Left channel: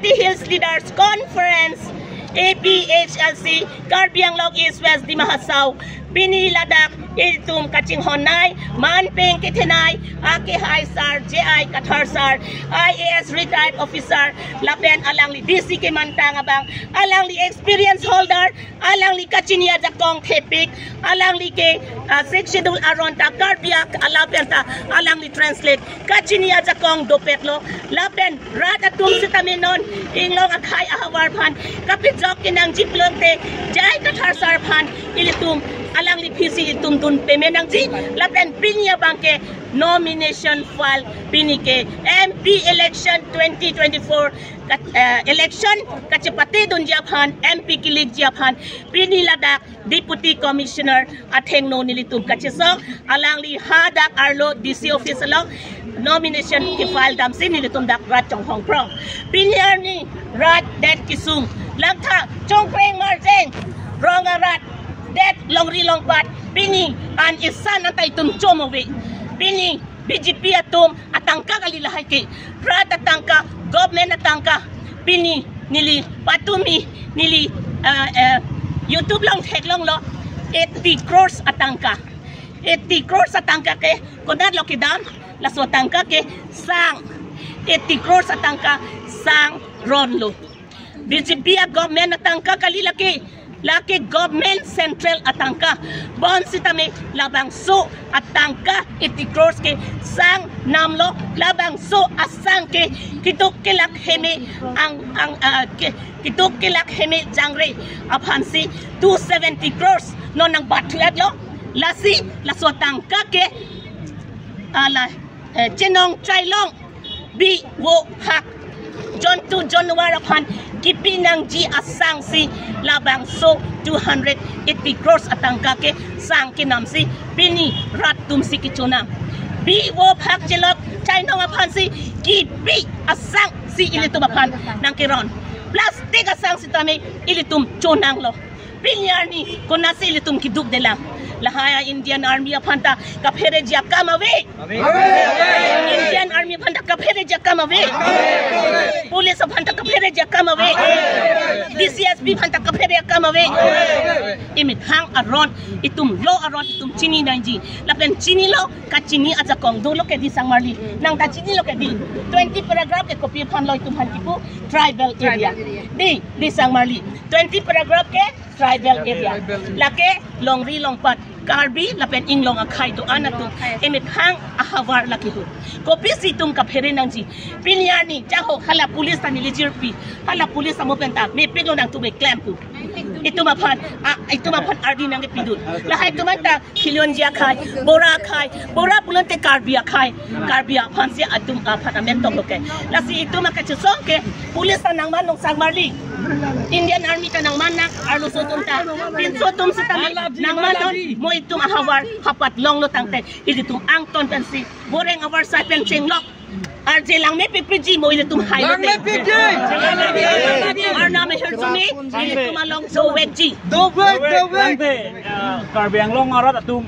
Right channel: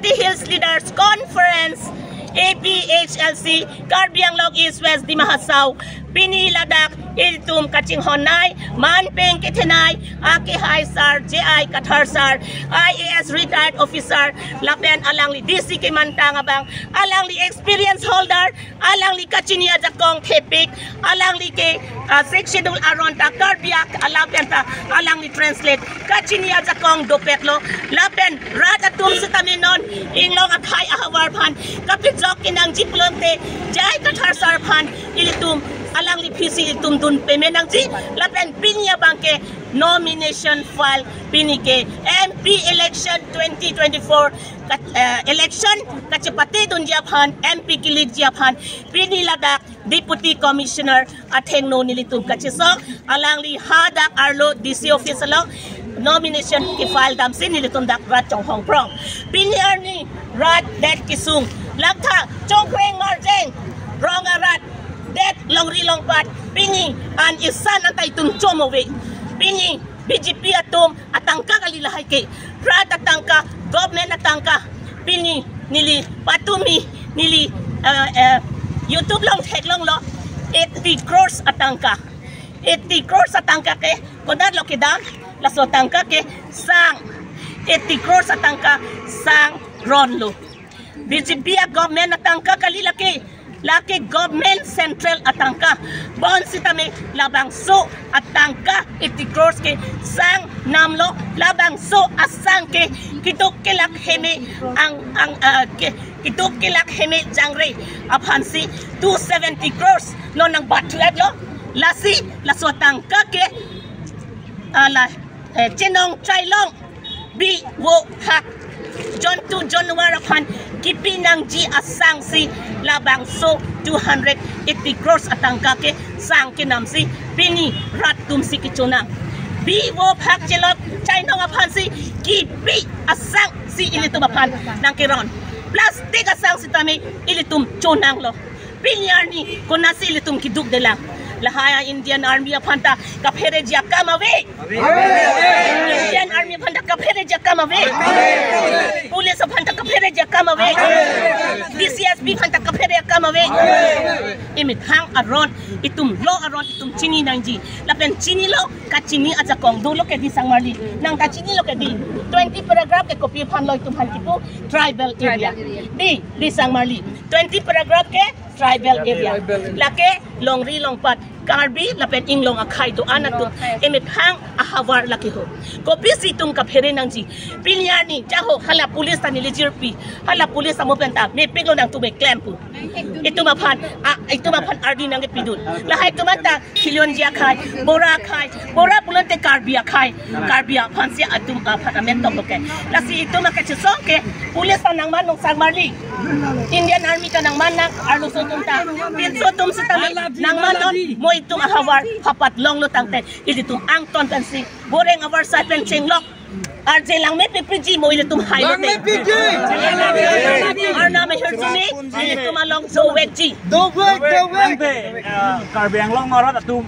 Party Hills Leaders Conference APHLC Carbia Anglong East West di Mahasau Pini Ladak Itum Kaching Honai Manpeng Kitenai Aki Haisar JI Katharsar IAS retired officer Lapen Alangli DC ke Mantang Abang Alangli experience holder Alangli Kachinia Jakong Tepik Alangli ke Schedule Aronta Carbia Alapenta Alangli translate Kachinia Jakong Dopetlo Lapen Ratatum Sitaminon Inglong Akai Ahawarpan Kapit Jokinang Jiplonte Jai Katharsar Pan Ilitum Alang li PC itum dun pemenang ji lapen pinya bangke nomination file pinike MP election 2024 election kacepati dun Japan MP kilig Japan pini ladak deputy commissioner atheng no nilitum kachesok alang li hadak arlo DC office along nomination ki file dam sin nilitum dak rat chong hong prong pinyar ni rat dat kisung lakta chongkreng marjeng ronga rat that long pat pini an isan antay tunchomowe pini BJP atom atangka kalilahay ke rat atangka government atangka pini nili patumi nili YouTube long tag long lo 80 crores atangka 80 crores atangka ke kodad lo kidam laso atangka ke sang 80 crores atangka sang ronlo BJP government atangka kalilaki laki government central atangka bon sitame labang so atangka 80 crores ke sang namlo labang so asang ke kituk kelak heme ang kituk kelak heme jangre aphansi 270 crores no nang batuat lo lasi laso tangka ke ala chenong chailong bi wo hak John 2 January upon kipinang G asang si labang so 280 crores atangka ke sang kinamsi pini ratum si kichunang bi wo phak chelok China upon si kipi asang si ilitum upon nang kiron plastic asang si tami ilitum chunang lo pinyar ni kunasi ilitum kiduk delang lahaya Indian Army apanta kaphere jia kamawe Indian Army apanta kaphere jia kamawe Police apanta kaphere jia kamawe DCSP apanta kaphere jia kamawe imit hang aron itum lo aron itum chini nanji lapen chini lo ka chini aja kong dulo ke di sangmarli nang ka chini lo ke di 20 paragraph ke copy phan lo itum hantipu tribal area di sangmarli 20 paragraph ke tribal area lake longri longpat karbi lapen inglong akai to anatum emit hang ahawar laki ho kopi situm ka phere nang ji pinyani jaho hala police tani lijirpi hala police amo penta me peglo nang tume clampu itu mapan ardi nang pidut lahai tumanta kilon jia khai bora pulonte karbi akai karbi aphansia atum aphanamento loke lasi itu makachesong ke police nang manong sangmarli Indian Army tanang manang arlo sotum ta pin sotum sitami nang manon mo itum ahawar hapat long lo tangte ilitum angton pensi boreng awar sa pensing lok arje lang me PPG mo ilitum hailo te arna me hersumi ilitum along so wegji do weg Carbia Anglong arat atum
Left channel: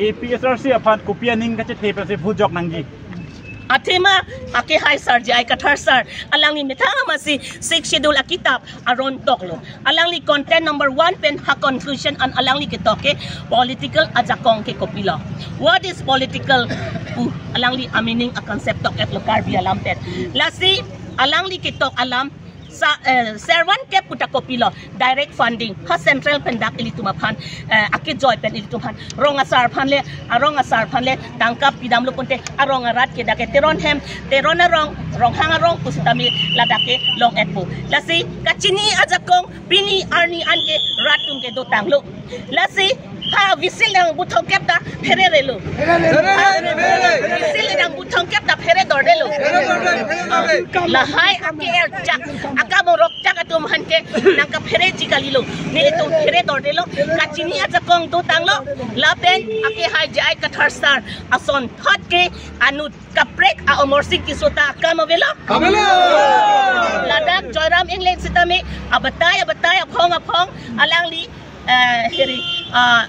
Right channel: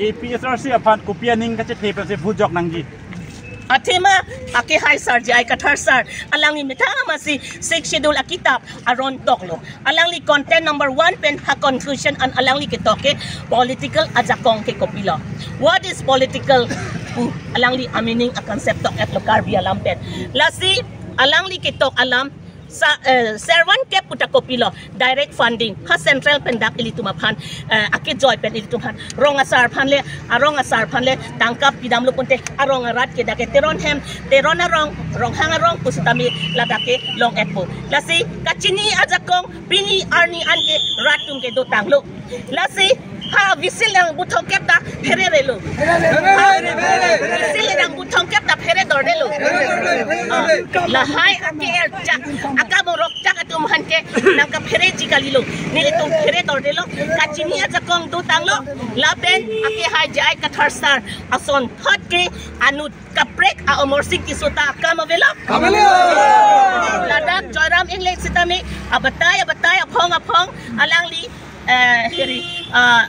APSRC apan kopianing kache thepase phujok nangji Atima aki Haisar JI Katharsar alangi mitanga masi 6 schedule akitab aron toklo alangi content number 1 pen ha conclusion an alangi kitoke political ajakong ke kopilo what is political alangi amining a concept tok at Carbia lampet lasi alangi kitok alam sa servan ke puta kopilo direct funding ha central pendak ilitumaphan akit joy pen ilitumhan ronga sar phanle tangkap pidam lupunte aronga rat ke dake teron rong hanga rong pusitami ladake long etpo lasi kachini ajakong pini arni anke ratung ke do tanglu lasi ha visil yang butong kepta phererelo visil yang butong kepta phere dordelo lahai ake jak akamorok jak atum hanke nangka phere jigalilo ni itum phere dordelo kachini ajakong do tanglo laben ake hai jai Katharsar ason thotke anu kaprek a omorsik kisota kamavelo ladak joyram inglek sitami abatay apong alangli heri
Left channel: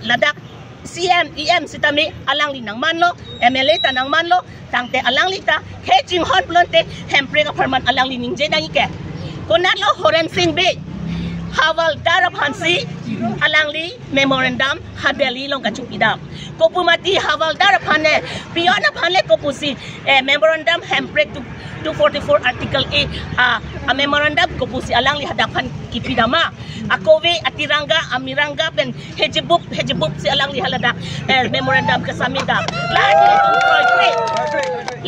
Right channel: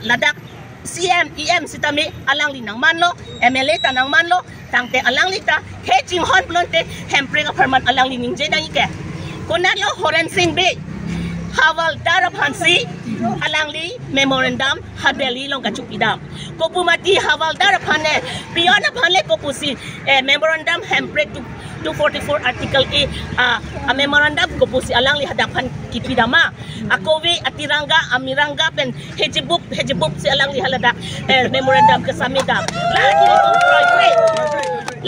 ladak CM EM sitami alangli nang manlo MLA ta nang manlo tangte alangli ta hejing hon blonte hempre ka perman alangli ningje na ike Kunat lo Horen Singh be Hawal Darapansi Alangli memorandum Hadeli long kachupidam. Kopumati Hawal Darapane Piona Pale Kopusi memorandum handbrake to 244 article a memorandum Kopusi Alangli hadapan kipidama. Akove atiranga amiranga pen hejibuk si Alangli halada memorandum kasamidam. Lagi itu proyek.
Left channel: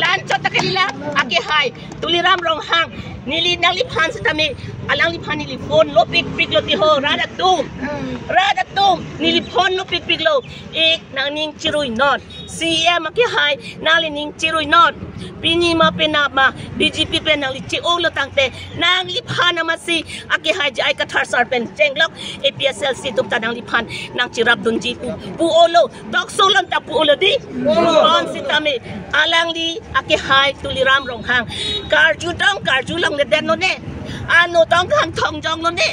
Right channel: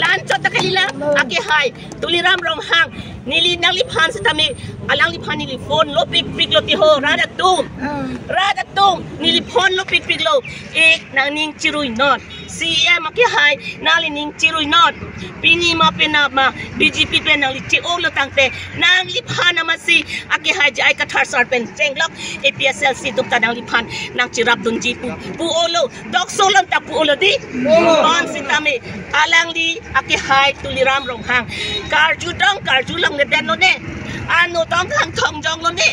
Lanco takalila ake hai tuliram rong hang nili naliphan sa tami alang liphan nili phone lo pik lo ti ho radatum nili phone lo pik lo nang ning chirui not CM ake hai nali ning chirui not pini ma penama BJP pen nang li chi lo tangte nang liphan na masi ake hai jai ka thar sar pen chenglok APSLC tupta nang liphan nang chirap dunji pu olo dok solon ta pu olo di on si tami alang li ake hai tuliram rong hang karju long ne den lo ne ano tong hang thong jong lo ne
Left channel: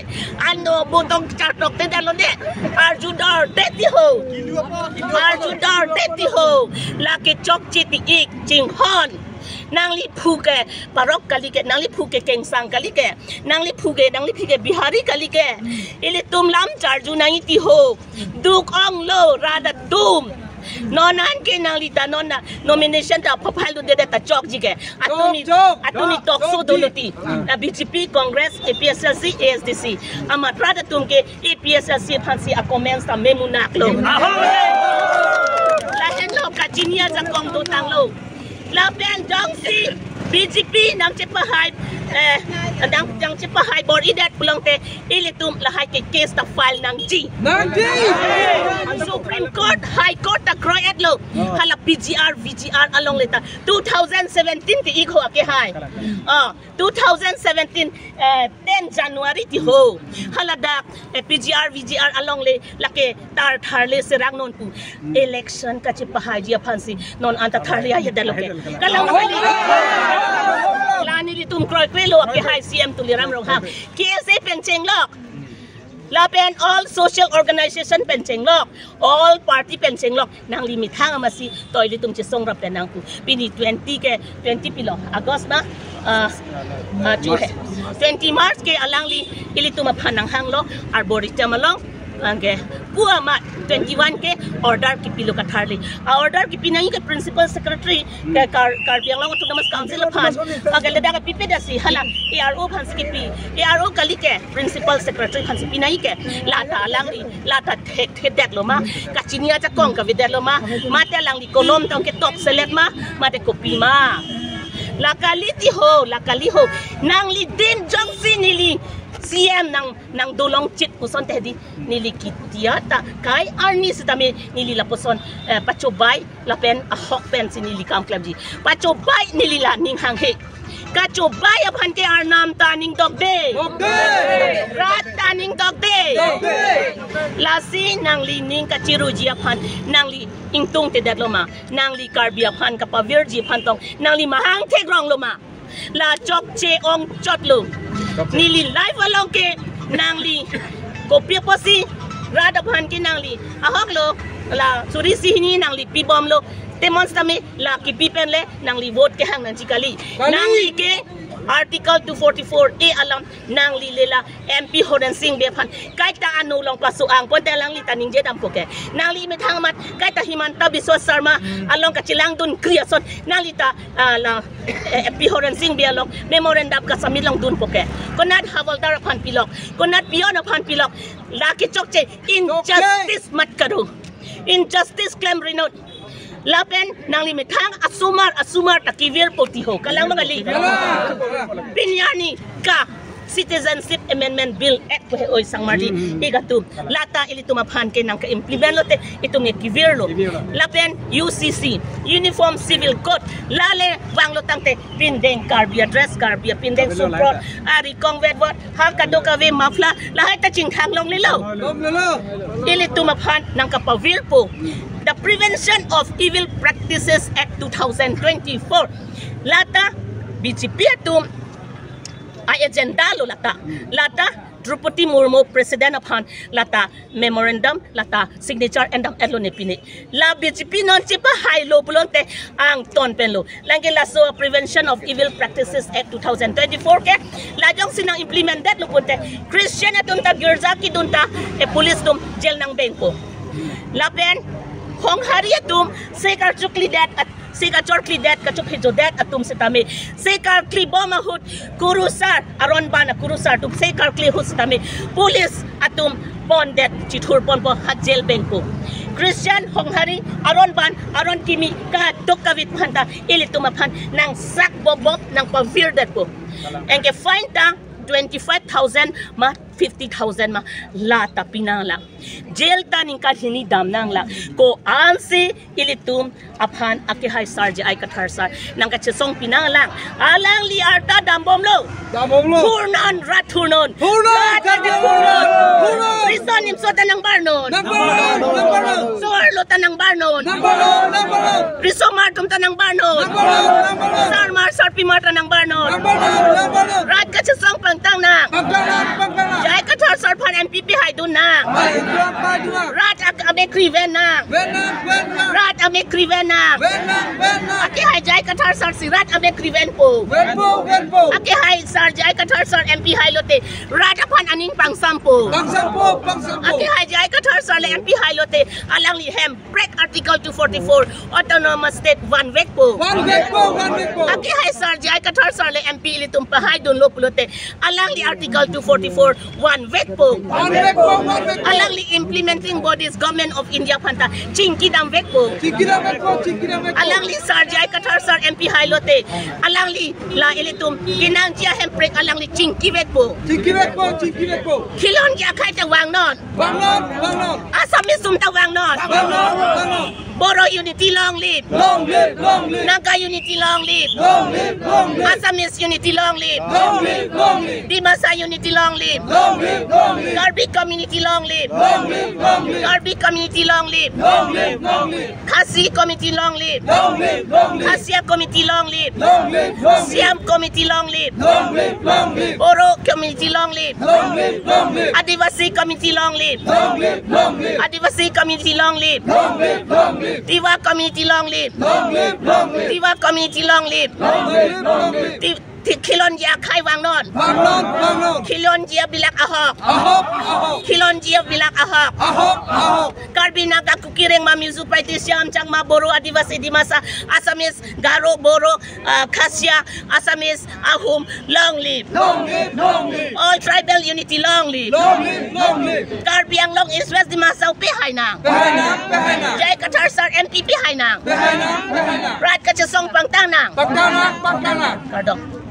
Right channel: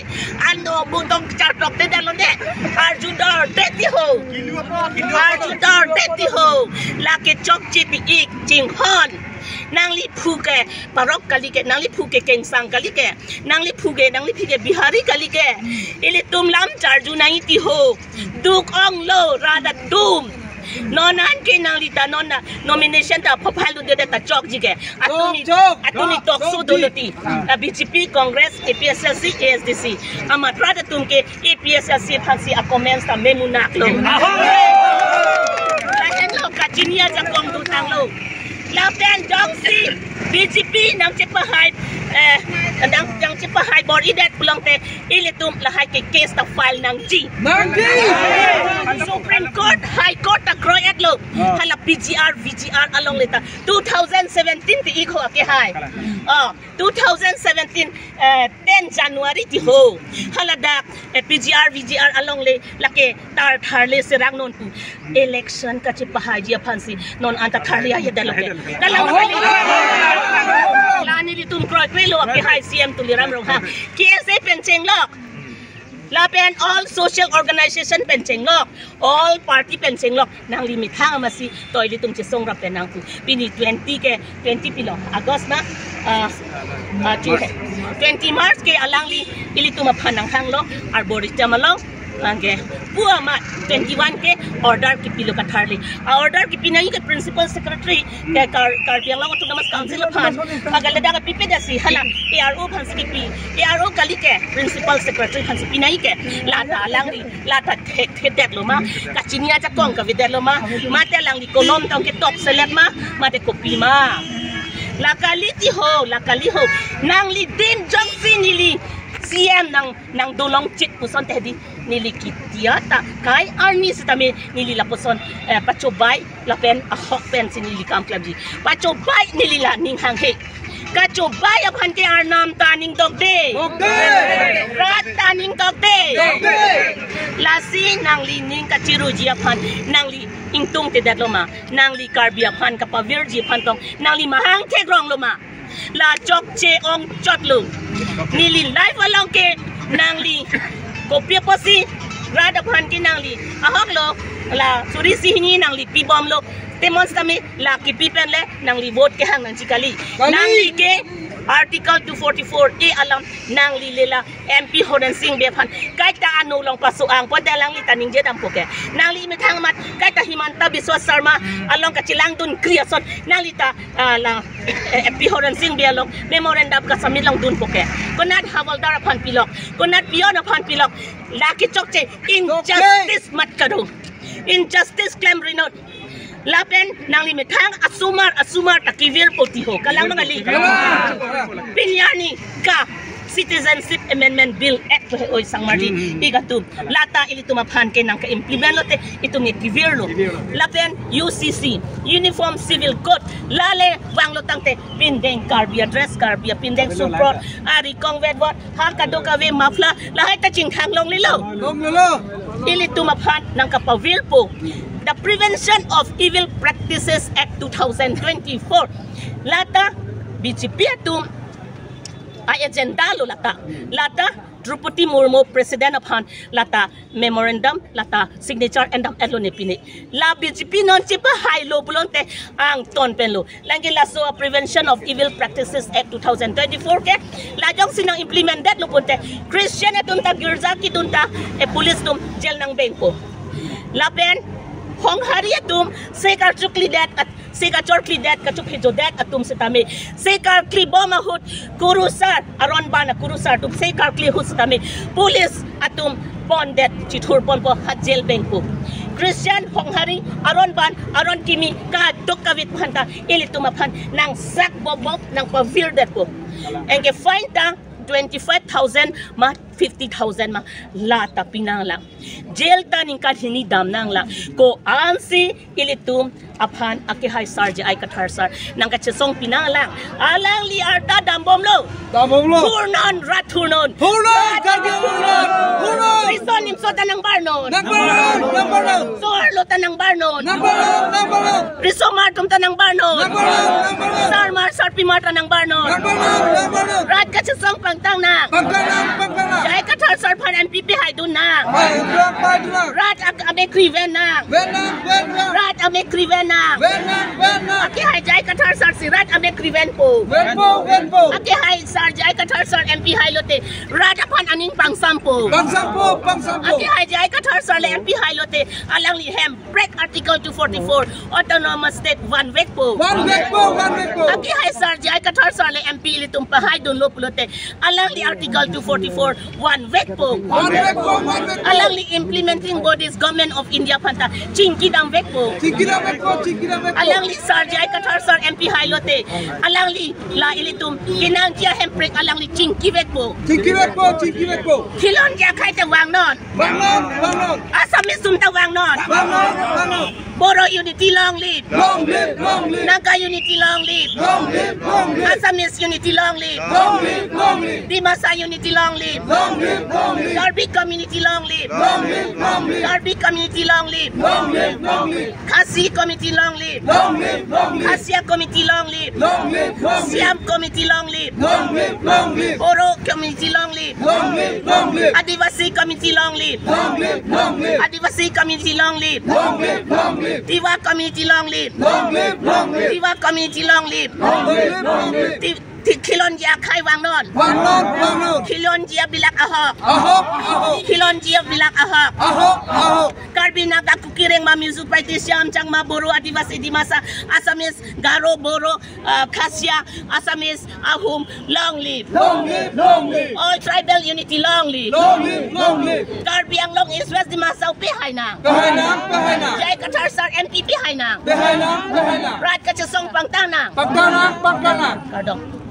ano bu tong char tok te den lo ne arju dor deti ho la ke chok chiti ik jing hon nang li phuke parok kali ke nang li phuke keng sang kali ke nang li phuke bihari kali ke ili tum lam charju nang ti ho duk ong lo rada tum nonan ke nang li ta nona nomination ta phaphalu de ta chok jige atuni tok su doluti BJP Congress APSLC ASDC ama rada tum ke APSLC phansi a comments ta memunak lo lahen lo kachinia ja kong do tang lo Lapen Jongsi BJP nang cepahat nang cepahat board idat pulang te ilitum lahai ke case ta file nang G Supreme Court High Court ta kroyat lo hala VGR along leta 2017 ti ikho ake hai 2017 10 January ti ho hala dak VGR along le lake tar tharle serang non pu election ka cepahat dia phansi non anta tharle ya daloke kalau lani litum kroy kwelo ake hai CM tuliram rong ha KSA pencheng lok lapen all social organization pencheng lok all party pencheng lok nang limit hang amasi toy litum che song rap nang pu pini 20 pilo August na 20 March ke alangli ilitum phanang hang lo arboretum lo angge puama 21 ke order ki pilo ka tharli order ki pinangi ke principal secretary ke karbiang law autonomous council phan agale da ka pipeda si hala ARO phan skipi ARO kali ke principal secretary phan si pinai ke lata langri lata thedek lo ma kachinia cha kong ka videl lo ma te langri kolom tong ke top select ma te kopi ma lakali ho nang li din jongsi nili CM nang dolong chit puson tehdi nili kitiata kai army sitame nili laposon pachobai lapen ahok pen sinili kam klabji pachobai nili la ning hang he kachobai aphan ke arnam taning dog day rat taning dog day lasi nang li ning kachiru ji aphan nang li ingtung te datloma nang li karbi aphan kapavir ji aphan tong nang li mahang thegrong loma la chok che ong chotlu nili live along ke nangli kopia posi rada phan ki nangli ahok lo la suri sihni nangli pi bom lo demonstrame la ki pi pen le nangli vote ke hang nang chikali nangli ke article 244 alam nangli lela MP Horen Singh be phan kai ta anu long pasu ang pon ta langli taning je dam poke nangli me thang mat kai ta Himanta Biswa Sarma along ka chilang dun creation nangli ta la MP Horen Singh be along memorandum ka samit long dun poke konat hawaldar phan pilok konat pion phan pilok la ki chokche injustice mat kadu injustice claim renot lapen nang limit hang asumar takivir poti ho kalang mga li pinyani ka Citizenship Amendment Bill Act po oy sang mardi igatum lata ilito maphan kay nang ka-implement lote ito may kivir lo lapen UCC Uniform Civil Code lale wang lotang te pindeng karbia dress karbia pindeng supro ari kongwed wat hakado ka we mafla lahat ta ching thang long lilo ilito maphan nang kapawir po the Prevention of Evil Practices Act 2024 lata BJP atum ay agenda lo lata Drupadi Murmu President upon Lata Memorandum Lata Signature and Elone Pini La BGP non chipa high low bulonte ang ton penlo langi laso Prevention of Evil Practices Act 2024 ke lajong sinang implemented lupunte Christian atunta Girzaki dunta police dum jail nang bengko lapen Hong Hariatum Sekar Chuklidat at Sekar Chorklidat Kachuk Hijodat atum setame Sekar Kliboma Hut Kurusar Aron Bana Kurusar tum Sekar Klihut setame Police atum Bondet Chithur Ponpo Hajel Bengko Christian Hong Hari Aron Ban Aron Kimi Ka Dokavit Panta Ilitumapan Nang Sak Bobob Nang Pavirdat po Engke fine ta 25,000 ma 50,000 ma lata pinang lang jail ta ning kadhini dam nang la ko ansi ilitum aphan akihay sarje ay katharsar nang kachesong pinang lang alang li arta dambom lo hurnon rathurnon hurnon rison nim sota nang barnon sor lota nang barnon risomar tum ta nang barnon sarmar sarpi marta nang barnon rat kachesong pangtang na Jai kathar sarpan MPP hai dun na rat ame kriven na rat ame kriven na aki hai jai kathar sar sirat ame kriven po aki hai sar jai kathar sar MP hai lote rat apan aning pangsam po aki hai jai kathar sar le MP hai lote alang li hem break article 244 autonomous state one week po aki hai sar jai kathar sar le MP litum pa hai dun lo pulote alang li article 244 one week po alang li implementing bodies government of India panta chinki dam week po alang li sar jai kathar sar MP hai lote alang li la ilitum kinang chia hem break alang li chinki week po kilon ja khai ta wang non Assamese sum ta wang non Boro unity long live Naga unity long live Assamese unity long live Dimasa unity long live Karbi community long live Karbi community long live Khasi community long live Khasia community long live Siam community long live Boro community long live Adivasi community long live Adivasi community long live Tiwa community long live Tiwa community long live Kilon jia khai wang non Kilon jia bilak ahok Kilon jia bilak ahok Karbi naga kukireng ma mizu paiti siam chang ma Boro Adivasi Dimasa Assamese Garo Boro Khasia Assamese Ahum long live all tribal unity long live Karbi Anglong East West Dimasa pe hai nang Jai Kathar sar MPP hai nang Rat Kachesong pangtang nang Kardong